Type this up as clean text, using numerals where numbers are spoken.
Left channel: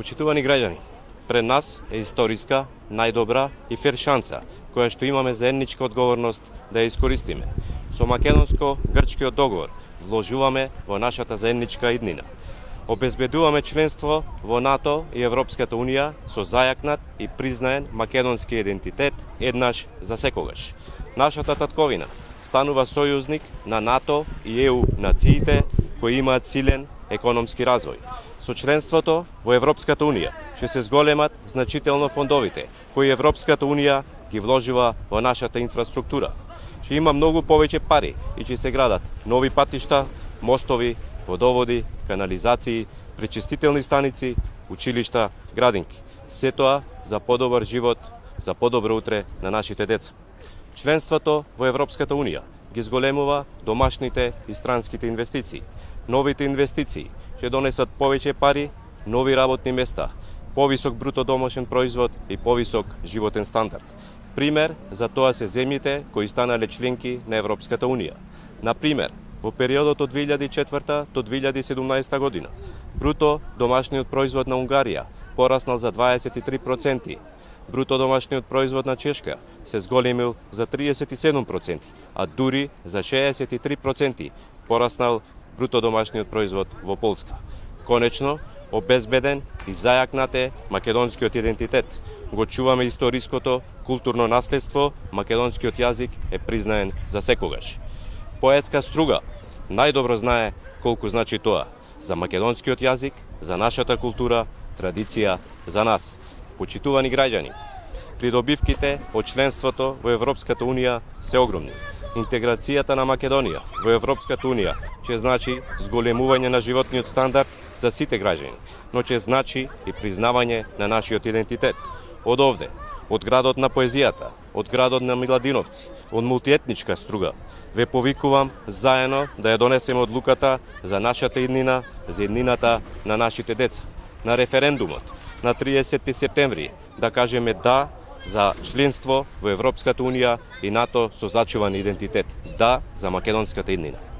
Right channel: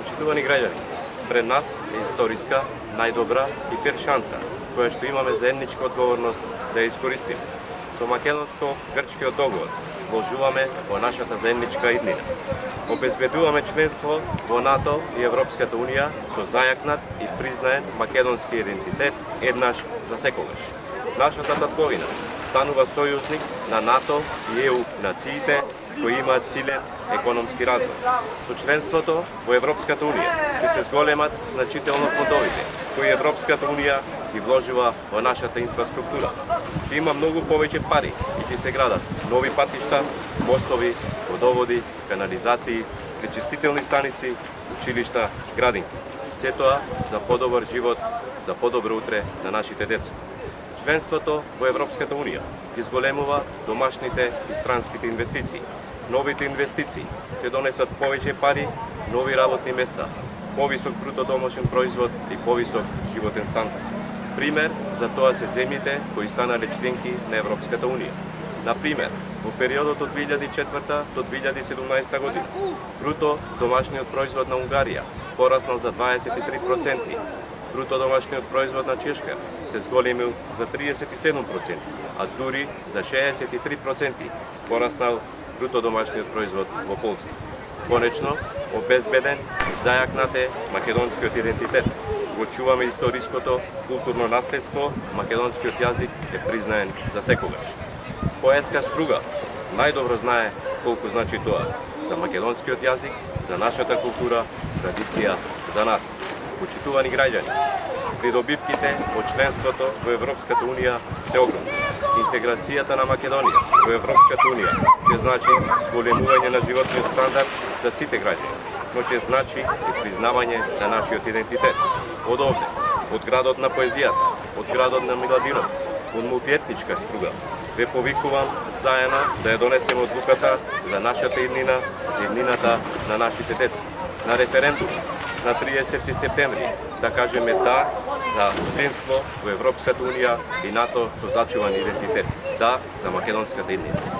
Почитувани граѓани, пред нас е историска, најдобра и фер шанса, која што имаме заедничка одговорност да ја искористиме. Со македонско-грчкиот договор вложуваме во нашата заедничка иднина. Обезбедуваме членство во НАТО и Европската Унија со зајакнат и признаен македонски идентитет еднаш за секогаш. Нашата татковина станува сојузник на НАТО и ЕУ нациите кои имаат силен економски развој. Со членството во Европската Унија ќе се зголемат значително фондовите кои Европската Унија ги вложува во нашата инфраструктура. Ќе има многу повеќе пари и ќе се градат нови патишта, мостови, водоводи, канализации, пречистителни станици, училишта, градинки. Се тоа за подобар живот, за подобро утре на нашите деца. Членството во Европската Унија ги зголемува домашните и странските инвестиции. Новите инвестиции ќе донесат повеќе пари, нови работни места, повисок бруто домашен производ и повисок животен стандард. Пример за тоа се земјите кои станале членки на Европската Унија. Например, во периодот од 2004 до 2017 година, бруто домашниот производ на Унгарија пораснал за 23%, бруто домашниот производ на Чешка се зголемил за 37%, а дури за 63% пораснал бруто домашниот производ во Полска. Конечно, обезбеден и зајакнат е македонскиот идентитет. Го чуваме историското културно наследство, македонскиот јазик е признаен за секогаш. Поетска Струга најдобро знае колку значи тоа за македонскиот јазик, за нашата култура, традиција, за нас. Почитувани граѓани, придобивките од членството во Европската Унија се огромни. Интеграцијата на Македонија во Европската Унија ќе значи зголемување на животниот стандард за сите граѓани, но ќе значи и признавање на нашиот идентитет. Од овде, од градот на поезијата, од градот на Миладиновци, од мултиетничка Струга, ве повикувам заедно да ја донесеме одлуката за нашата иднина, за иднината на нашите деца. На референдумот на 30 септември да кажеме да за членство во Европската Унија и НАТО со зачуван идентитет. Да за македонската иднина.